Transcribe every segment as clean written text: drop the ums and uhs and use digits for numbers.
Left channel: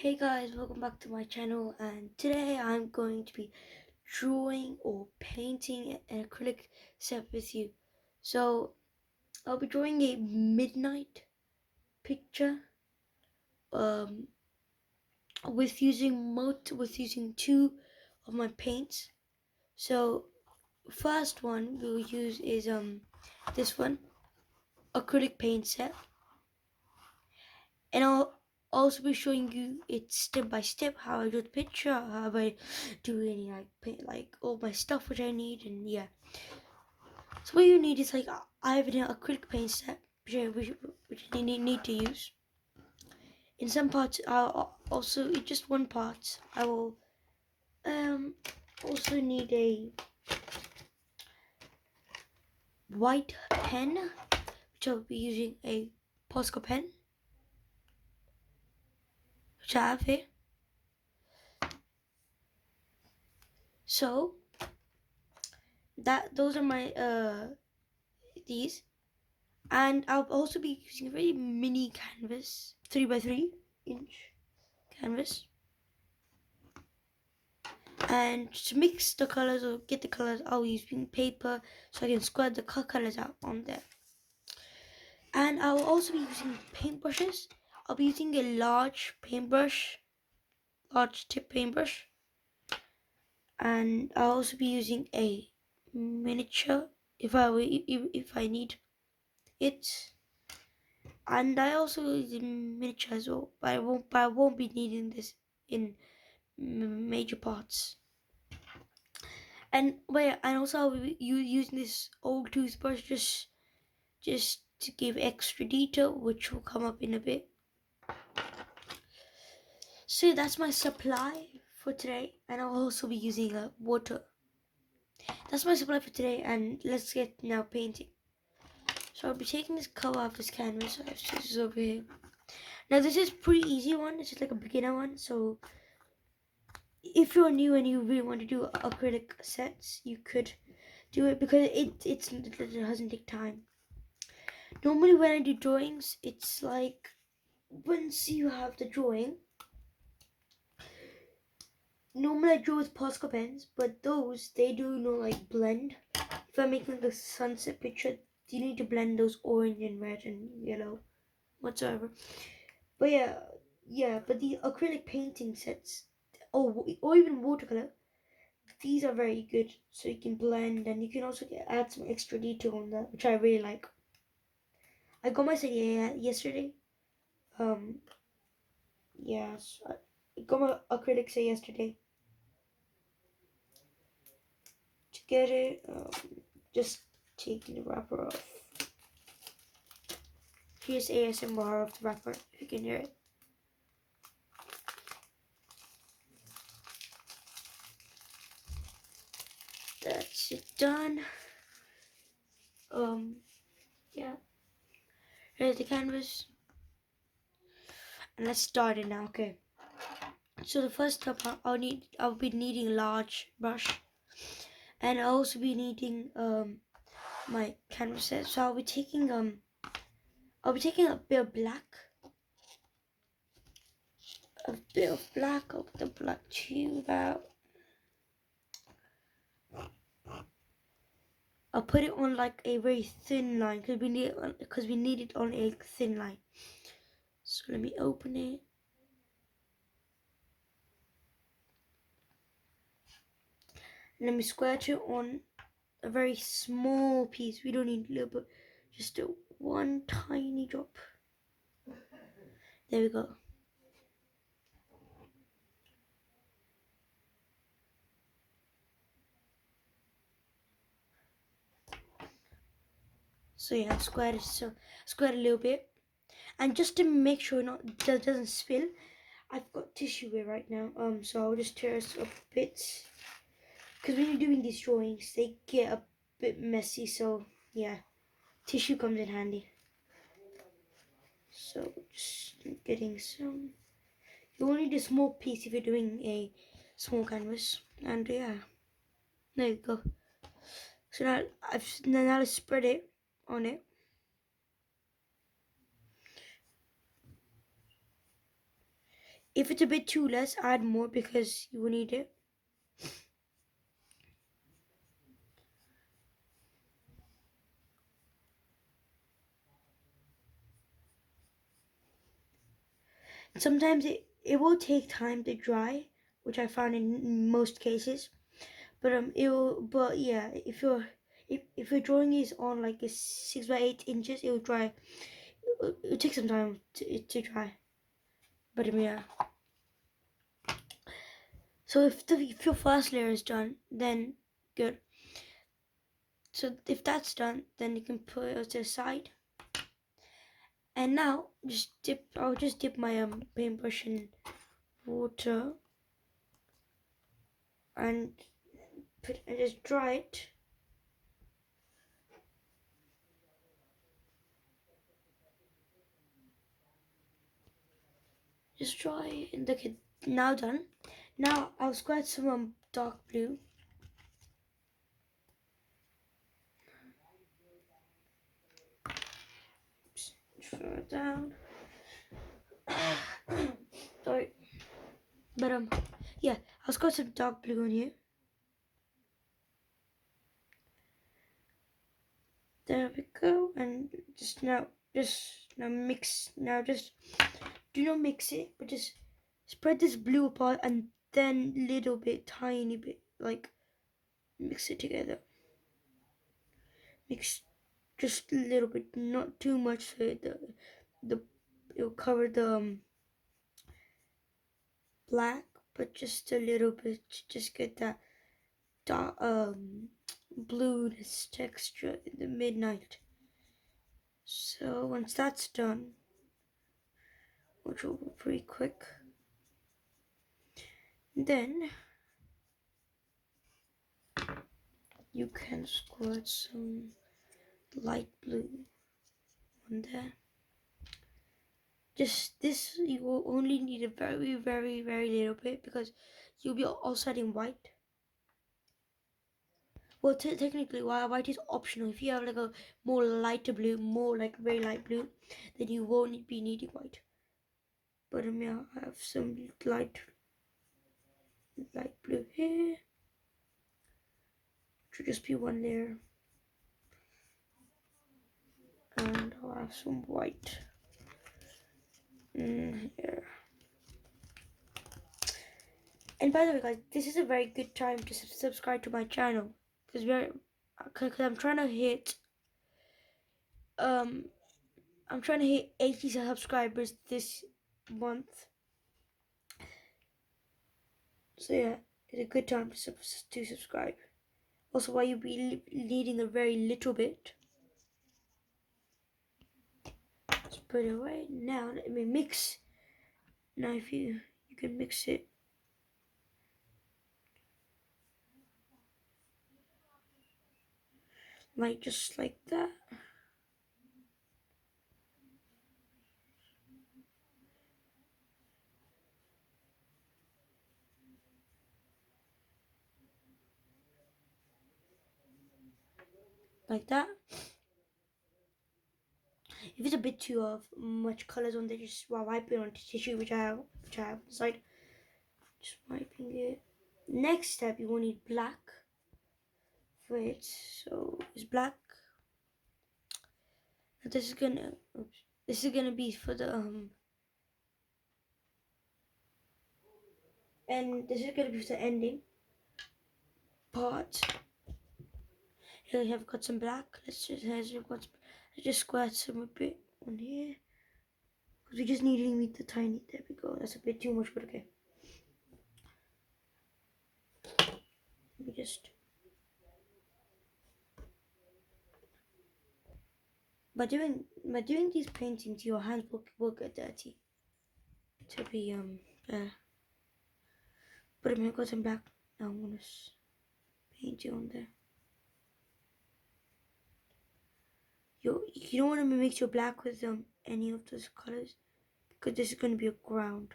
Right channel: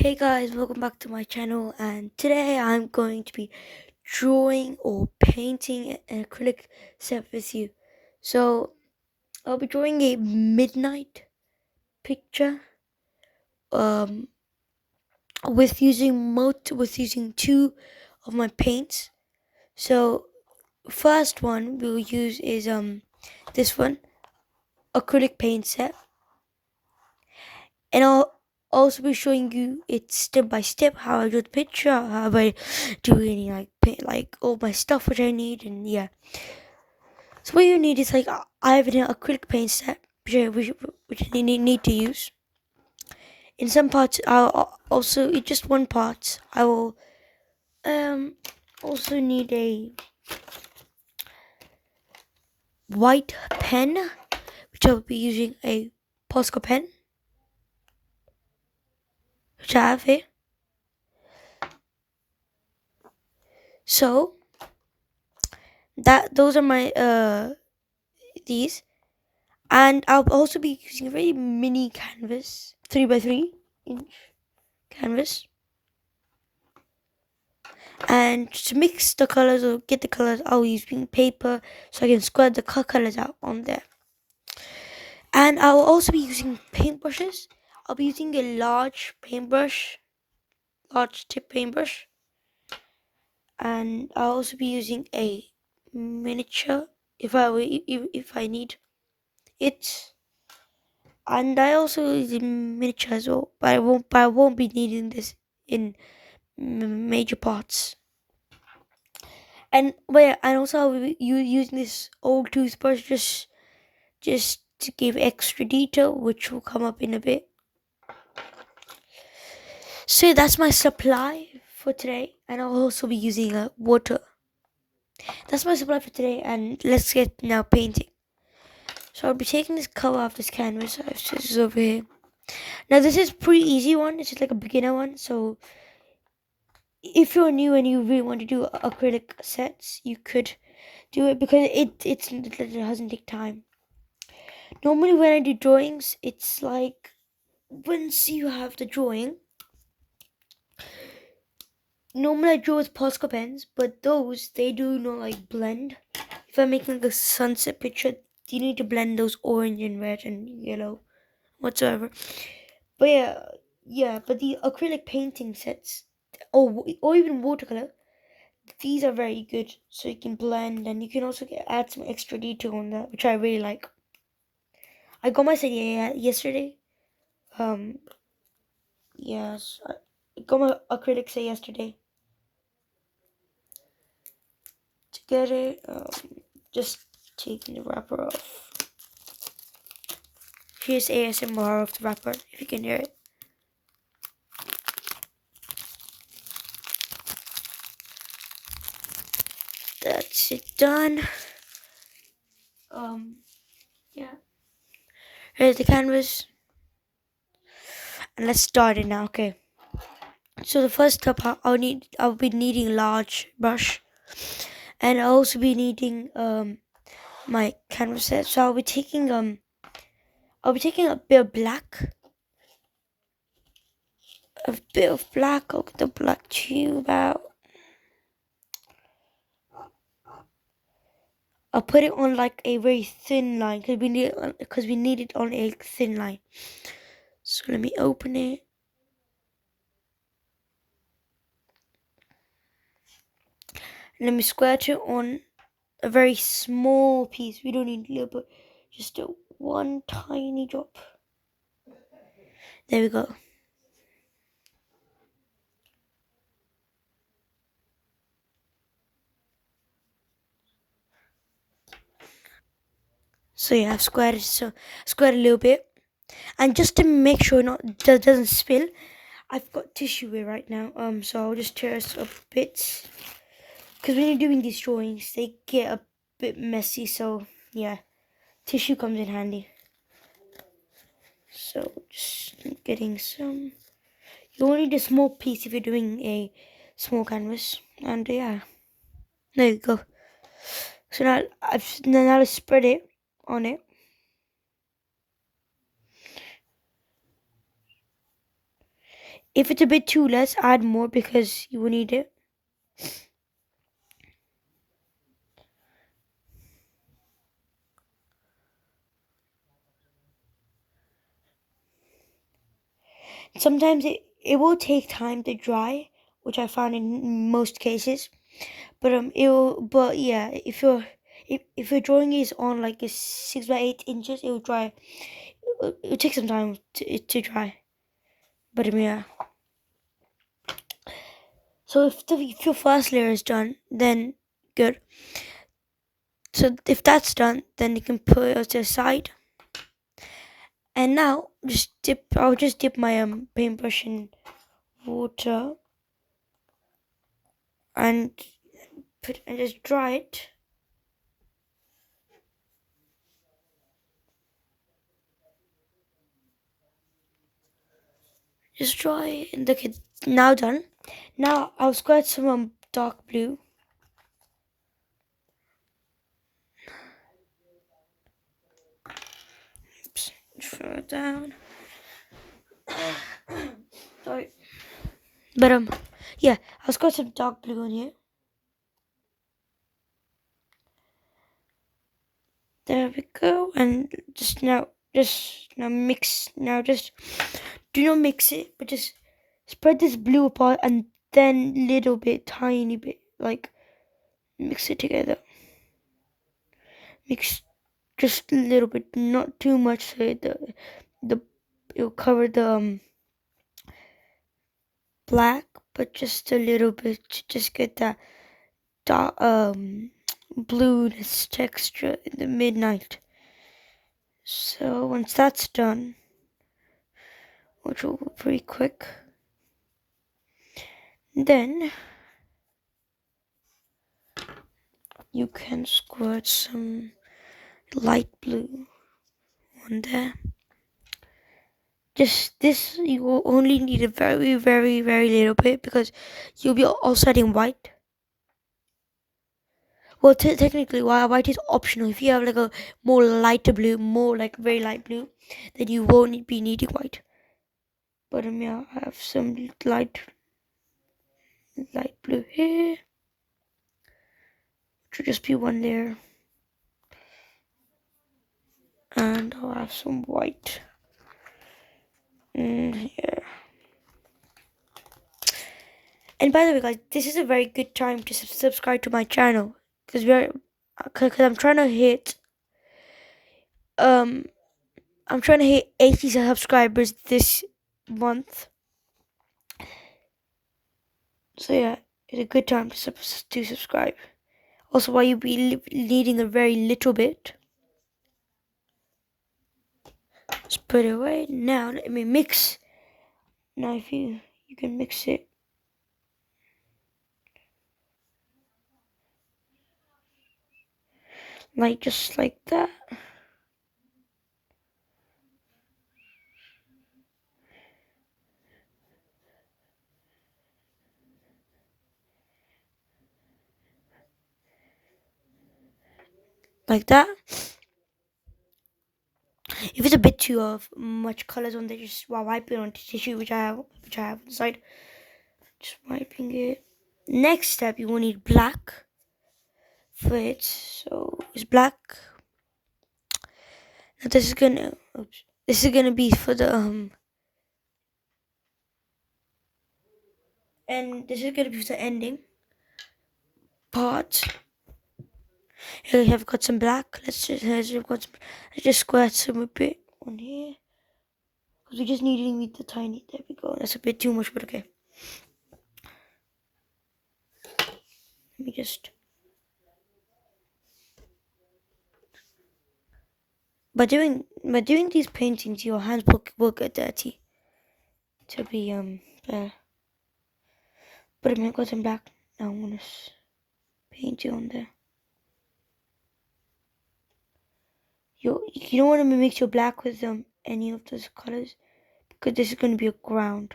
Hey guys, welcome back to my channel, and today I'm going to be drawing or painting an acrylic set with you. So I'll be drawing a midnight picture um with using two of my paints. So first one we'll use is this one, acrylic paint set, and I'll also be showing you it step by step how I do the picture, how I do any like paint, like all my stuff which I need, and yeah. So what you need is like I have an acrylic paint set which I need to use. In some parts, I'll also in just one part I will also need a white pen, which I'll be using a Posca pen, which I have here. So that those are my these. And I'll also be using a very mini canvas, 3 by 3 inch canvas. And to mix the colors or get the colors, I'll use pink paper so I can square the colors out on there. And I'll also be using paintbrushes. I'll be using a large paintbrush, large tip paintbrush. And I'll also be using a miniature if I need it. And I also use a miniature as well, but I won't be needing this in major parts. And wait, and also I'll be using this old toothbrush just to give extra detail, which will come up in a bit. So that's my supply for today, and I'll also be using water. That's my supply for today, and let's get now painting. So I'll be taking this color off this canvas. This is over here. Now this is pretty easy one. It's just like a beginner one. So if you're new and you really want to do acrylic sets, you could do it because it doesn't take time. Normally when I do drawings, it's like once you have the drawing, normally I draw with Posca pens, but those they do not like blend. If I'm making like a sunset picture, you need to blend those orange and red and yellow whatsoever. But but the acrylic painting sets or even watercolor, these are very good, so you can blend and you can also add some extra detail on that, which I really like. I got my set yesterday. Um, yes, I got my acrylic set yesterday. To get it, just taking the wrapper off. Here's ASMR of the wrapper, if you can hear it. That's it done. Yeah. Here's the canvas. And let's start it now, okay. So the first step I'll be needing large brush. And I'll also be needing my canvas set. So I'll be taking a bit of black. A bit of black. I'll get the black tube out. I'll put it on like a very thin line because we need it on a thin line. So let me open it. And let me square it on a very small piece. We don't need a little bit, just a one tiny drop. There we go. So yeah, I've squared a little bit, and just to make sure that doesn't spill, I've got tissue here right now. So I'll just tear this up bits because when you're doing these drawings, they get a bit messy. So yeah, tissue comes in handy. So just getting some. You only need a small piece if you're doing a small canvas, and yeah, there you go. So now let's spread it on it. If it's a bit too less, add more because you will need it. Sometimes it will take time to dry, which I found in most cases. But yeah, if your drawing is on like a 6 by 8 inches, it will dry. It will take some time to dry. But yeah. So if your first layer is done, then good. So if that's done, then you can put it to the side. And now I'll just dip my paintbrush in water and just dry it. Just dry it and look at now done. Now I'll squirt some dark blue. Oops, throw it down. Sorry. But yeah, I'll squirt some dark blue in here. There we go. And just now mix. Now just do not mix it, but just spread this blue apart and then little bit, tiny bit, like mix it together. Mix just a little bit, not too much, so the it'll cover the black, but just a little bit to just get that dark, blueness texture in the midnight. So once that's done, which will be pretty quick, then you can squirt some light blue on there. Just this, you will only need a very, very, very little bit because you'll be also adding white. Well, technically, white is optional. If you have like a more lighter blue, more like very light blue, then you won't be needing white. But yeah, I have some light blue here. Should just be one layer, and I'll have some white in here. And by the way, guys, this is a very good time to subscribe to my channel because I'm trying to hit um I'm trying to hit 80 subscribers this month. So yeah, it's a good time to subscribe. Also, while you be needing a very little bit, just put it away. Now let me mix. Now if you can mix it like just like that. Like that. If it's a bit too of much colors on there, just wipe it on tissue, which I have on the side. Just wiping it. Next step, you will need black for it. So it's black. Now this is gonna be for the and this is gonna be for the ending part. Here we have got some black. Let's just squirt some a bit on here because we just need the tiny. There we go. That's a bit too much, but okay. Let me just. By doing these paintings, your hands will get dirty. To be there. But I'm gonna go some black. Now I'm gonna paint it on there. You don't want to mix your black with any of those colors because this is gonna be a ground.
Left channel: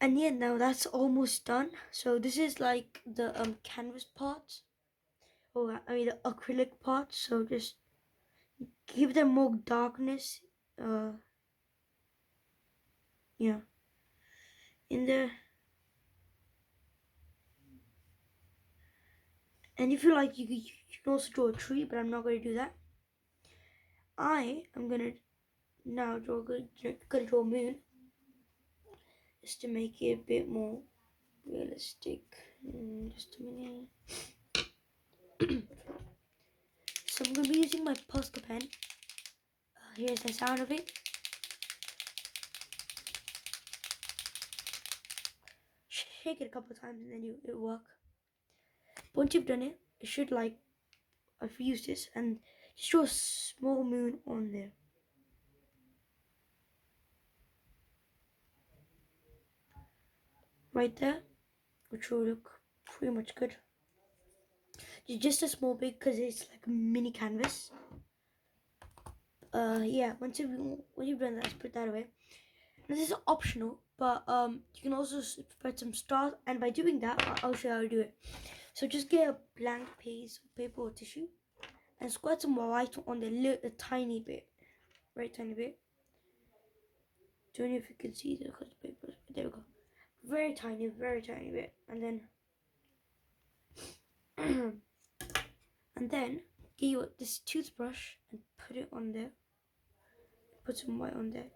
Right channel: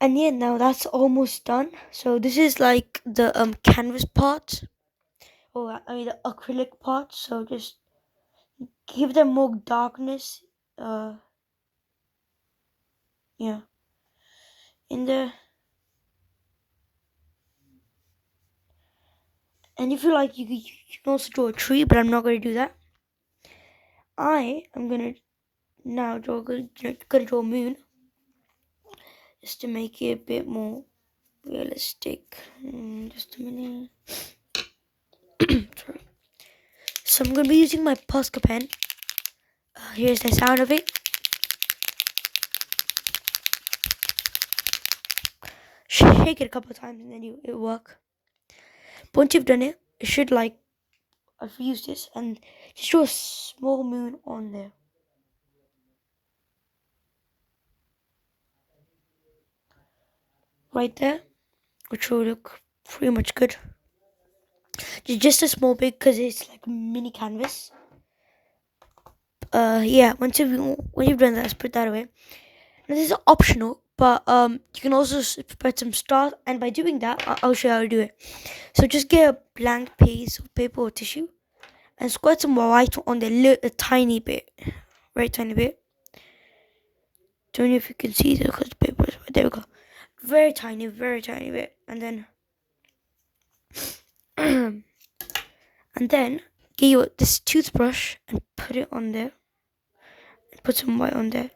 And yeah, now that's almost done. So this is like the canvas part, or I mean the acrylic part. So just give them more darkness. Yeah, in there. And if you like, you can also draw a tree, but I'm not going to do that. I am going to now gonna draw a moon just to make it a bit more realistic. Just a minute. Sorry. So I'm going to be using my Posca pen. Here's the sound of it. Shake it a couple of times and then it'll work. But once you've done it, it should like I've used this and just draw a small moon on there. Right there, which will look pretty much good. Just a small bit because it's like a mini canvas. Yeah. When you've done that, just put that away. And this is optional, but you can also spread some stars. And by doing that, I'll show you how to do it. So just get a blank piece of paper or tissue and squirt some white on the little tiny bit, very tiny bit. Don't know if you can see this because the paper is there. We go, very tiny bit, and then and then get your this toothbrush and put it on there. Put some white on there,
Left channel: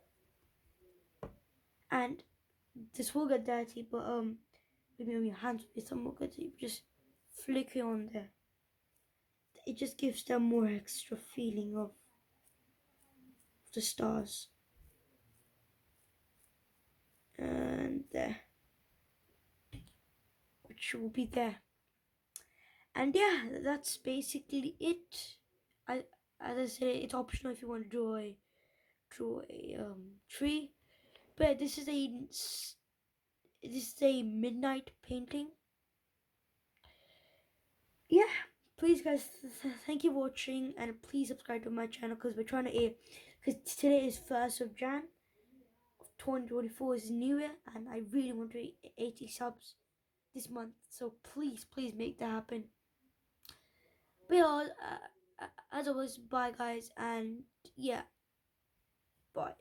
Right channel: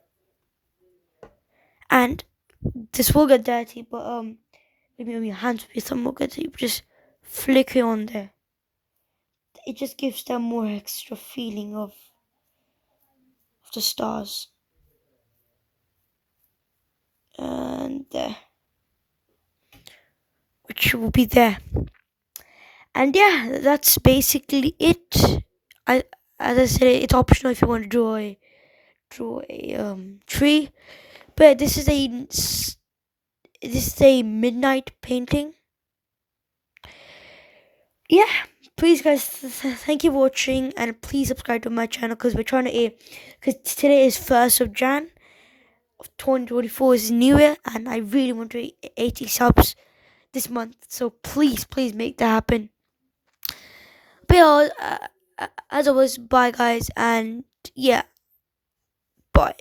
and this will get dirty, but maybe on your hands will be some more dirty. Just flick it on there. It just gives them more extra feeling of the stars, and which will be there. And yeah, that's basically it. I As I said, it's optional if you want to draw a tree. But this is a midnight painting. Yeah, please guys, thank you for watching, and please subscribe to my channel because we're trying to because today is 1st of Jan of 2024 is New Year, and I really want to 80 subs this month. So please make that happen. But yeah, as always, bye guys, and yeah, bye.